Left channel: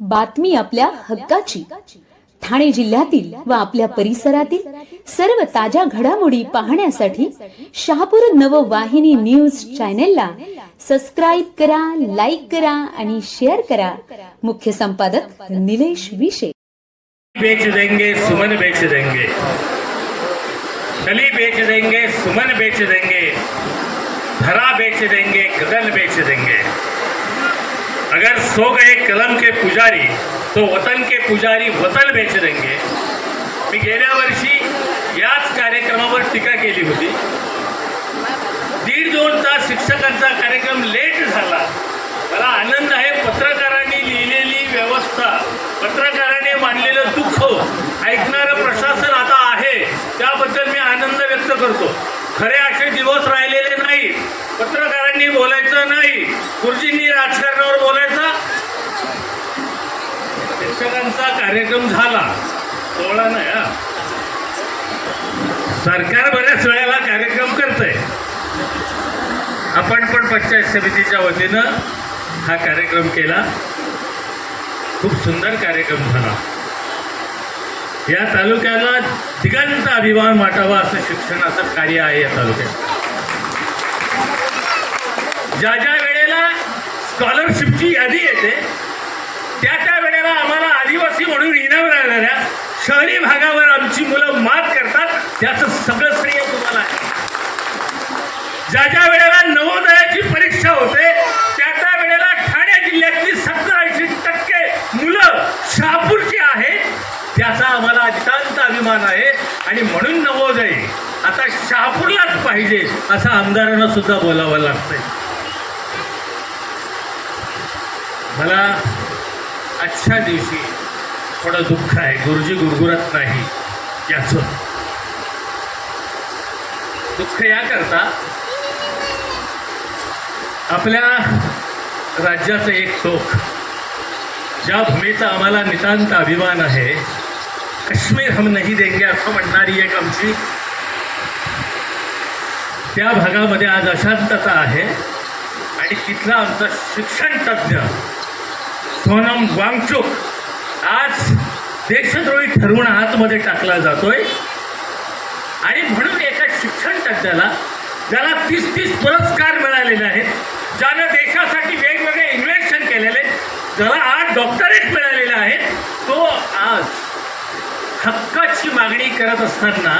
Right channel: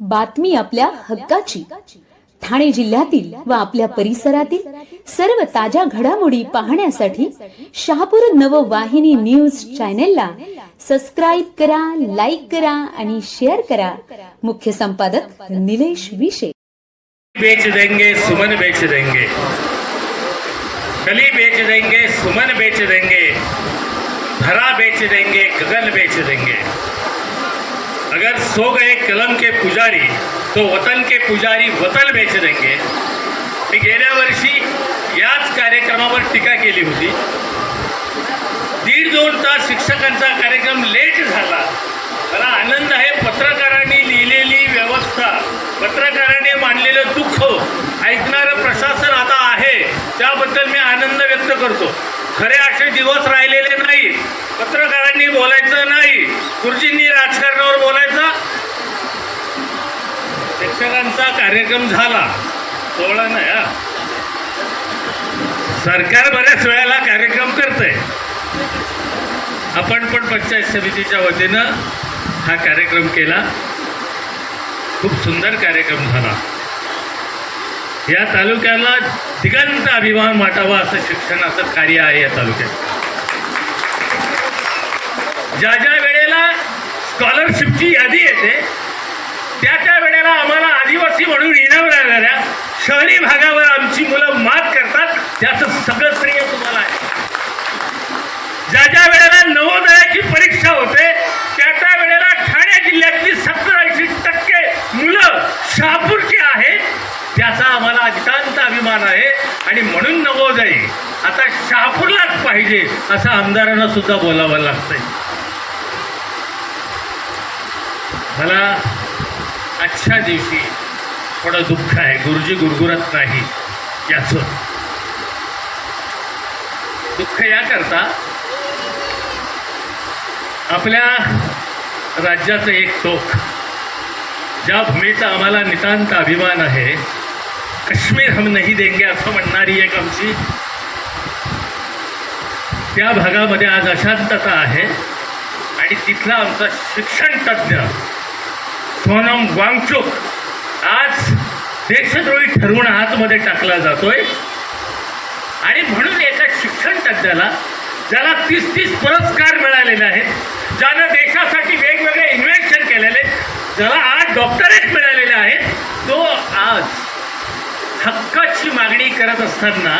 बातमी आपल्या हक्काची. ठाणे जिल्ह्यातील व आपल्या परिसरातील सर्व ताज्या घडामोडी पाहण्यासाठी शहापूर नववाहिनी न्यूज चॅनेलला सबस्क्राईब करा लाईक करा आणि शेअर करा. मुख्य संपादक निलेश विशे. बेच देंगे सुमन बेच देंगे. कली बेच देंगे सुमन बेच देंगे. धरा बेच देंगे गगन बेच देंगे. अगर सो गए कलम के पुजारी तो वतन के पुजारी वतन बेच देंगे। मी गेल्या वर्षी याच कार्यक्रमावर टीका केली होती। दीड दोन तास शिक्षकांचा कार्यक्रम लेट झाला। मला आनंद आहे पत्रकारांनी लिहिलेली व्यवस्था पत्रकारांनी मानलेलं दुःख ऐकणारं प्रशासन आता आहे त्याबद्दल मी आनंद व्यक्त करतो. खरे असे दिवस राहिलेले नाही पत्रकारांनी बोलायचं नाही गुरुजींनी शिक्षकांचा कार्यक्रम झाला. सोहळा नाही हा. सरकार बऱ्याच वेळेला कार्यक्रम करतंय. आपण पण पंचायत समितीच्या वतीनं हा कार्यक्रम केला. खूप सुंदर कार्यक्रम झाला. या तालुक्याला दिगंत अभिमान वाटावा असं शिक्षणाचं कार्य आहे या तालुक्यात. ज्या ज्या वेळेला स्कॉलरशिपची यादी येते त्या त्या वेळेला आम्हाला आदिवासी म्हणून इनाम लागणाऱ्या शहरी भागावर आमची मुलं मात करतात त्याचं सगळं श्रेय तुम्हाला आहे. ज्या ज्या वेळेला नवोदयाची परीक्षा होते त्या त्या वेळेला ठाणे जिल्ह्यातली सत्तर ऐंशी टक्के मुलं शहापूरची आहेत त्याचा आम्हाला अत्यंत अभिमान आहे. आणि म्हणून नवोदय आता शहापूरलाच पाहिजे असं आमदारांना सुद्धा बोलावं लागतंय. मला आजच्या दिवशी थोडं दुःख आहे गुरुजी गुरगुरत नाही याचं. दुःख याकरता आपल्या राज्याचं एक टोक. ज्या भूमीचा आम्हाला नितांत अभिमान आहे काश्मीर हम नाही देंगे असं म्हणणारी एक आमची त्या भागामध्ये आज अशांतता आहे आणि तिथला आमचा शिक्षण तज्ज्ञ सोनम वांगचुक आज देशद्रोही ठरवून आतमध्ये टाकला जातोय. आणि म्हणून एका शिक्षण तज्ज्ञाला ज्याला तीस तीस पुरस्कार मिळालेले आहेत ज्यानं देशासाठी वेगवेगळे इन्व्हेन्शन केलेले ज्याला आज डॉक्टरेट मिळालेले आहे तो आज हक्काची मागणी करत असताना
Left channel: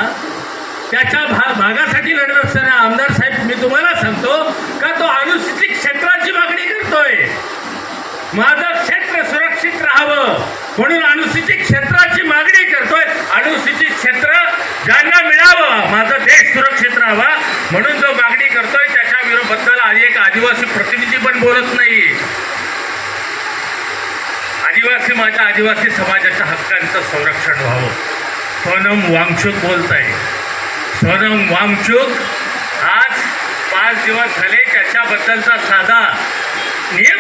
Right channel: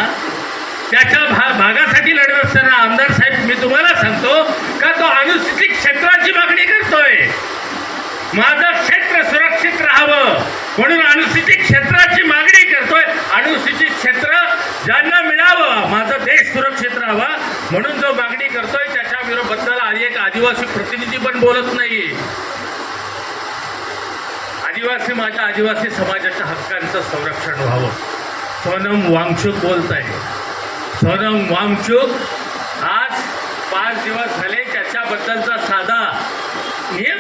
त्याच्या भा भागासाठी लढत असताना आमदार साहेब मी तुम्हाला सांगतो का तो अनुसूचित क्षेत्राची मागणी करतोय. माझं सुरक्षित राहावं. म्हणून अनुसूचित क्षेत्राची मागणी करतोय. अनुसूचित क्षेत्र ज्यांना मिळावं माझा देश सुरक्षित राहावा म्हणून जो मागणी करतोय त्याच्या विरोबद्दल आणि एक आदिवासी प्रतिनिधी पण बोलत नाही. आदिवासी माझ्या आदिवासी समाजाच्या हक्कांचं संरक्षण व्हावं. सोनम वांगचूक बोलत आहे सोनम वांगचूक आज पाच दिवस झाले त्याच्याबद्दलचा साधा नियम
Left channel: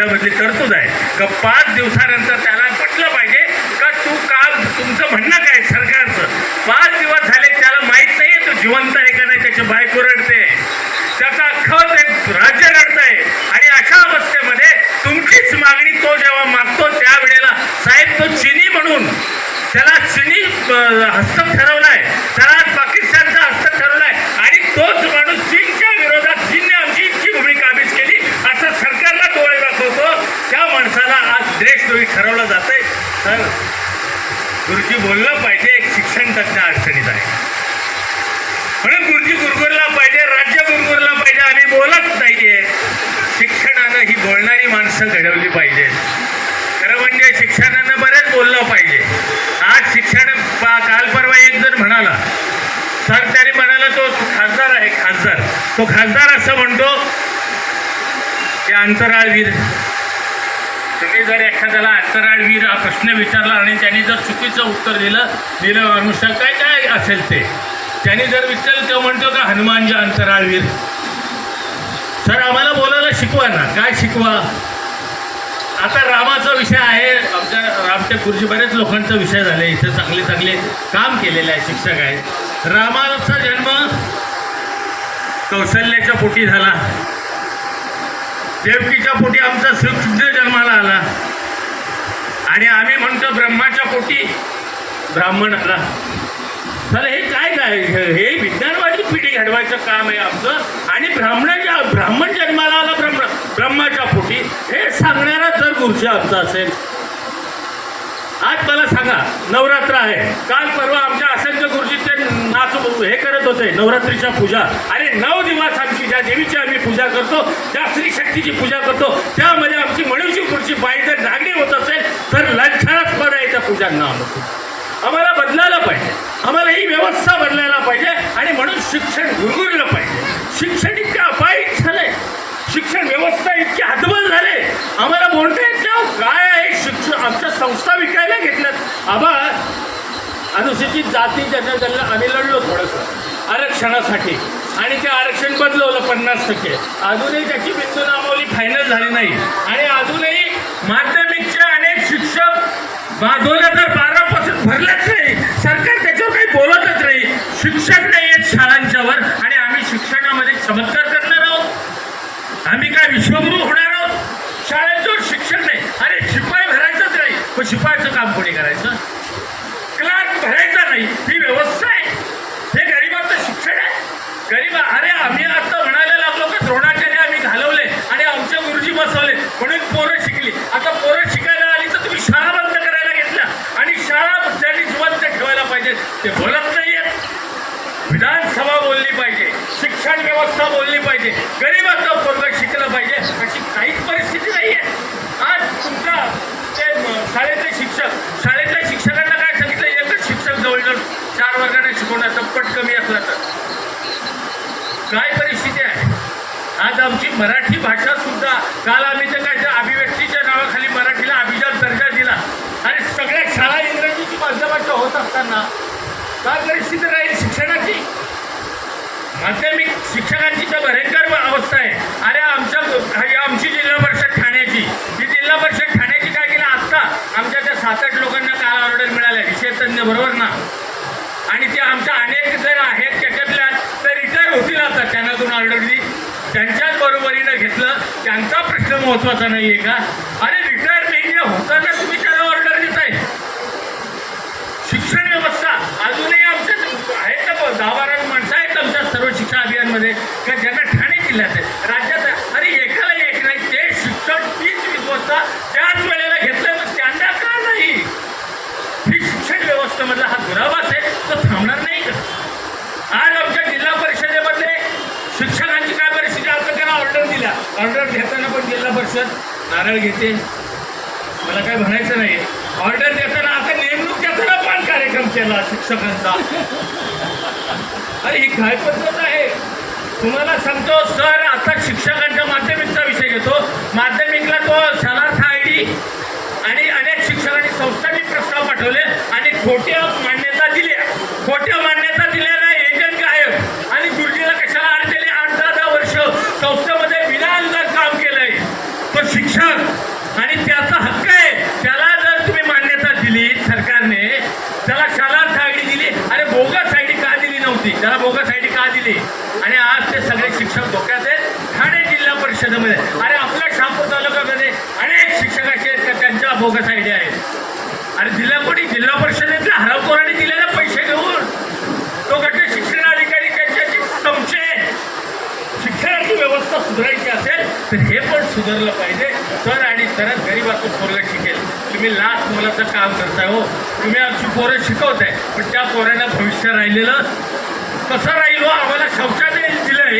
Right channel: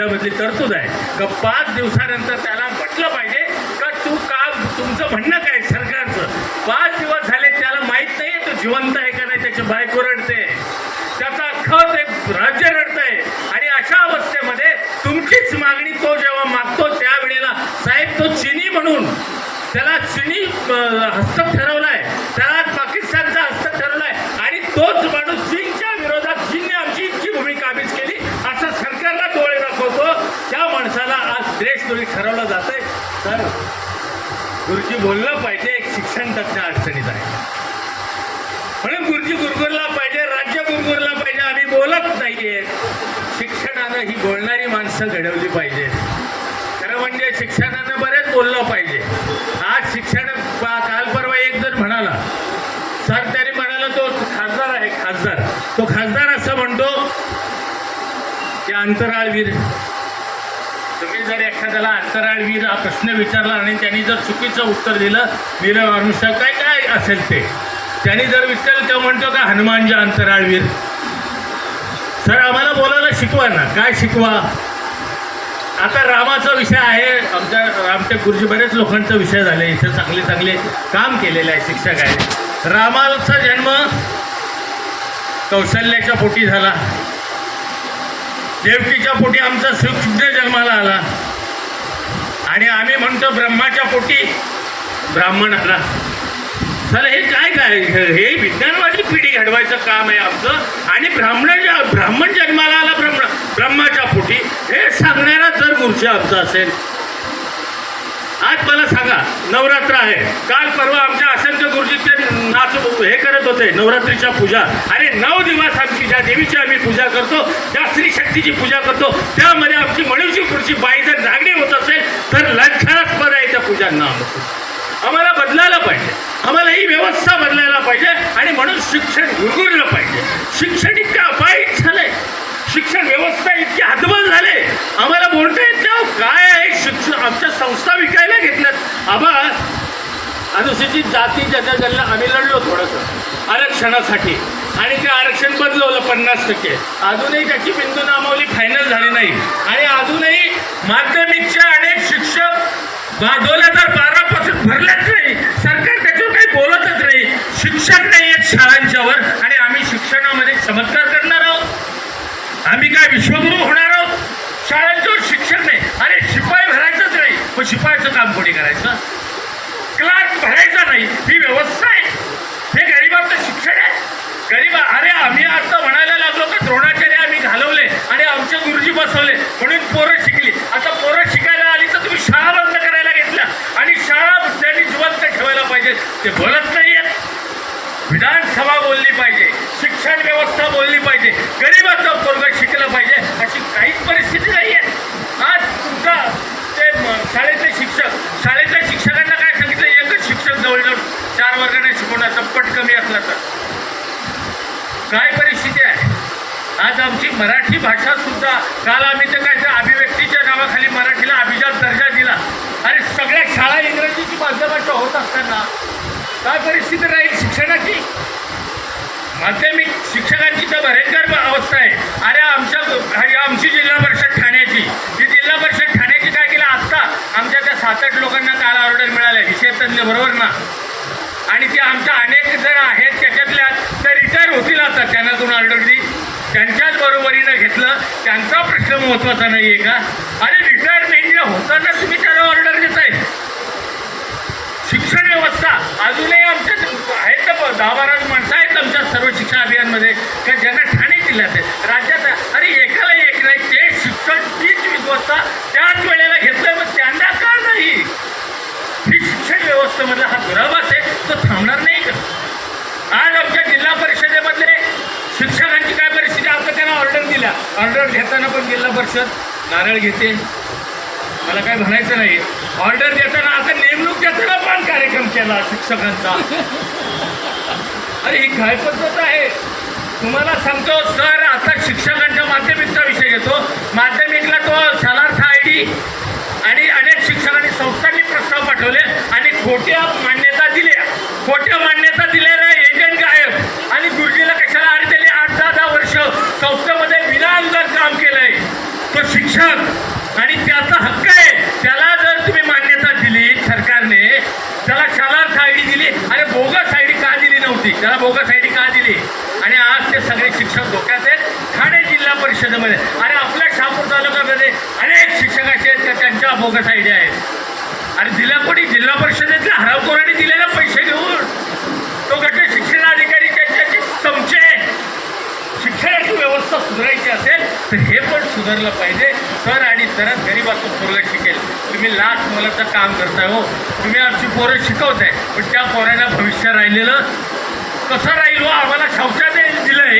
कायद्यामधली तरतूद आहे. का पाच दिवसानंतर त्याला म्हटलं पाहिजे का तू काम तुमचं म्हणणं काय सरकारचं? पाच दिवस झाले त्याला माहीत नाही तो जिवंत आहे का नाही त्याची बायको रडते त्याचा खत एक राज्य रडतंय आणि अशा अवस्थेमध्ये तुमचीच मागणी तो जेव्हा मागतो त्यावेळेला साहेब तो चिनी म्हणून त्याला चिनी अं, हस्तक ठरवलाय त्याला पाकिस्तानचा हस्तक ठरवलाय आणि तोच माणूस चीनच्या विरोधात चीनने आमची इतकी भूमिका आम्हीच केली असं सरकारला डोळे दाखवतो त्या माणसाला आज देशद्रोही ठरवलं जाते तर गुरुजी बोललं पाहिजे एक शिक्षण तज्ञ अडचणीत आहे. म्हणून गुरुजी गुरगुरला पाहिजे राज्य गुरगुरला पाहिजे आम्ही बोलत नाहीये. शिक्षणानं ही बोलणारी माणसं घडवली पाहिजेत. खरं म्हणजे शिक्षणानं बरेच बोललं पाहिजे. आज शिक्षण काल परवा एक जण म्हणाला. सर त्याने म्हणाला तो खासदार आहे खासदार. तो खासदार असं म्हणतो की अंतराळवीर तुम्ही जर एखाद्याला अंतराळवीर हा प्रश्न विचारला आणि त्यांनी जर चुकीचं उत्तर दिलं दिलं मनुष्य काय काय असेल ते? त्यांनी जर विचारलं तो म्हणतो का हनुमानजी अंतराळवीर. सर आम्हाला बोलायला शिकवा ना. काय शिकवा? आता रामाचा विषय आहे. आमच्या आमच्या गुरुजी बऱ्याच लोकांचा विषय झाले इथे चांगले चांगले काम केलेले आहे शिक्षक आहे. रामाचा जन्म कौशल्याच्या पोटी झाला. देवकीच्या पोटी आमचा श्रीकृष्ण जन्माला आला. आणि आम्ही म्हणतो ब्रह्माच्या पोटी ब्राह्मण आला तर हे काय काय? हे विज्ञानवादी पिढी घडवायचं काम आहे आमचं. आणि ब्राह्मण ब्राह्मण जन्माला आला ब्रह्म ब्रह्माच्या पोटी. हे सांगणारा जर गुरुजी आमचा असेल. आज मला सांगा नवरात्र आहे. काल परवा आमच्या असंख्य गुरुजी ते नाच हे करत होते नवरात्रीच्या पूजा. अरे नऊ दिवस आमची ज्या देवीची आम्ही पूजा करतो त्या स्त्री शक्तीची पूजा करतो त्यामध्ये आमची म्हणून पुढची बाई जर जागी होत असेल तर लक्षास्पद आहे त्या पूजांना आम्हाला बदलायला पाहिजे. आम्हाला ही व्यवस्था बदलायला पाहिजे आणि म्हणून शिक्षण विरघळलं पाहिजे. शिक्षण इतकं अपायिक झालंय. शिक्षण व्यवस्था इतकी हतबल झाले. आम्हाला बोलता येत काय आहे? शिक्षण आमच्या संस्था विकायला घेतल्यात. आबा अनुसूचित जाती जनगणना आम्ही लढलो थोडंसं. आरक्षणासाठी. आणि ते आरक्षण बदलवलं पन्नास टक्के. अजूनही त्याची बिंदू नामावली फायनल झाली नाही. आणि अजूनही माध्यमिकचे अनेक शिक्षक दोन हजार बारा पासून भरलेच नाही. सरकार त्याच्यावर काही बोलतच नाही. शिक्षक नाही आहेत शाळांच्यावर आणि आम्ही शिक्षणामध्ये चमत्कार करणार आहोत. आम्ही काय विश्वगुरू होणार आहोत? शाळांच्यावर शिक्षण नाही. अरे शिपाई भरायचंच नाही. मग शिपाईचं काम कोणी करायचं? क्लास भरायचा नाही. ही व्यवस्था आहे. हे गरिबाचं शिक्षण आहे. गरीब अरे आम्ही आता म्हणायला लागलो का द्रोणाचार्य आम्ही घालवले आणि आमचे गुरुजी बसवले म्हणून पोरं शिकली आता पोरं शिकायला आली तर तुम्ही शाळा बंद करायला घेतल्या आणि शाळा त्यांनी जिवंत ठेवायला पाहिजे ते बोलत नाहीयेत विधानसभा बोलली पाहिजे शिक्षण व्यवस्था बोलली पाहिजे गरीबाचा पोरग शिकलं पाहिजे अशी काहीच परिस्थिती नाही आहे आज तुमचा ते शाळेचे शाळेतले शिक्षक शाळेतल्या शिक्षकांना काय सांगितलं? एकच शिक्षक जवळजवळ चार वर्गाने शिकवण्याचा पट कमी असला तर. काय परिस्थिती आहे? आज आमची मराठी भाषा सुद्धा काल आम्ही तर काय काय परिस्थिती राहील शिक्षणाची? माध्यमिक शिक्षकांची तर भयंकर अवस्था आहे. अरे आमच्या आमची जिल्हा परिषद ठाण्याची. ती जिल्हा परिषद ठाण्याची काय केलं? आत्ता आमच्या त्या सात आठ लोकांना काल ऑर्डर मिळाल्या? विषय तज्ञ बरोबर ना? आणि ते आमच्या अनेक जण आहेत त्याच्यातल्या त्या रिटायर होतील आता. त्यांना दोन ऑर्डर त्यांच्याच बरोबरीनं घेतलं. त्यांचा प्रश्न महत्त्वाचा नाही आहे का? अरे रिटायरमेंटला होताना तुम्ही त्यांना ऑर्डर देताय शिक्षण व्यवस्था अजूनही आमच्या आहेत ना ब- दहा बारा माणसं आहेत आमच्या सर्व शिक्षण अभियानमध्ये का ज्यांना ठाणे जिल्ह्यात आहे राज्यात आहे अरे एकाला एक नाही ते शिक्षण तीच वीस वाजता त्याच वेळेला घेतलं मग त्यांना का नाही ही शिक्षण व्यवस्थेमधला हा दुराभास आहे तो थांबणार नाही का आज आमच्या जिल्हा परिषदेमधले शिक्षकांची काय परिस्थिती आता त्यांना ऑर्डर दिल्या ऑर्डर घेताना पण जिल्हा परिषद नारळ घेते. मला काय म्हणायचं नाही. ऑर्डर देताना आता नेमणूक देताना पण कार्यक्रम केला शिक्षकांचा. अरे ही काय पद्धत आहे? तुम्हाला सांगतो सर आता शिक्षकांच्या माध्यमिकचा विषय घेतो. माध्यमिकला तो शनार्थ आय डी आणि अनेक शिक्षकांनी संस्थांनी प्रस्ताव पाठवले आणि खोट्या मान्यता दिल्या खोट्या मान्यता दिल्यानं एजंट गायब आणि गुरुजीला कशाला अर्ज दिले आठ दहा दहा वर्ष संस्थेमध्ये विनाअनुदान काम केलंय तो शिक्षक आणि त्याचा हक्क आहे त्याला जर तुम्ही मान्यता दिली सरकारने त्याला शालार्थ आय डी दिली अरे बोगस आय डी होती. त्याला बोगस आय डी का दिली? आणि आज ते सगळे शिक्षक धोक्यात आहेत. ठाणे जिल्हा परिषदेमध्ये. अरे आपल्या शहापूर तालुक्यामध्ये अनेक शिक्षक असे आहेत का त्यांच्या बोगस आय डी आहेत? आणि दिल्या कोणी? जिल्हा परिषदेतल्या हरावखोरांनी दिलेले पैसे घेऊन. तो गट शिक्षणाधिकारी त्यांच्याशी चमचे शिक्षणाची व्यवस्था सुधारायची असेल तर हे पण सुधारलं पाहिजे. तर आणि तरच गरीबातून पोरगं शिकेल. तुम्ही लाख मुलाचं काम करताय हो. तुम्ही आमची पोरं शिकवताय. पण त्या पोरांना भविष्य राहिलेलं कसं राहील? आम्हाला शौचालय दिलंय.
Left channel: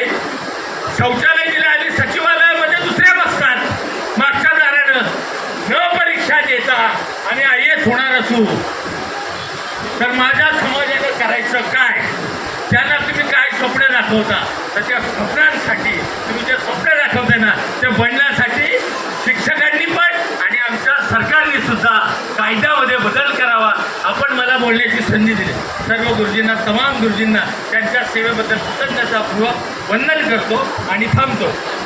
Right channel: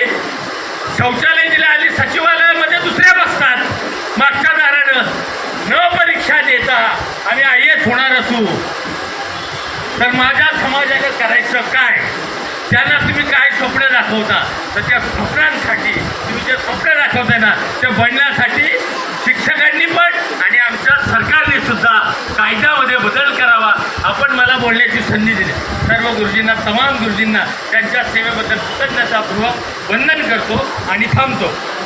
शौचालय दिलं आणि सचिवालयामध्ये दुसऱ्या बसतात. मागच्या दारानं. न परीक्षा देता. आम्ही आय एस होणार असू. तर माझ्या समाजानं करायचं काय? त्यांना तुम्ही काय स्वप्न दाखवता? तर त्या स्वप्नांसाठी तुम्ही जे स्वप्न दाखवताय ना ते बनण्यासाठी शिक्षकांनी पण आणि आमच्या सरकारने सुद्धा कायद्यामध्ये बदल करावा. आपण मला बोलण्याची संधी दिली. सर्व गुरुजींना तमाम गुरुजींना सेवेबद्दल कृतज्ञतापूर्वक वंदन करतो आणि थांबतो.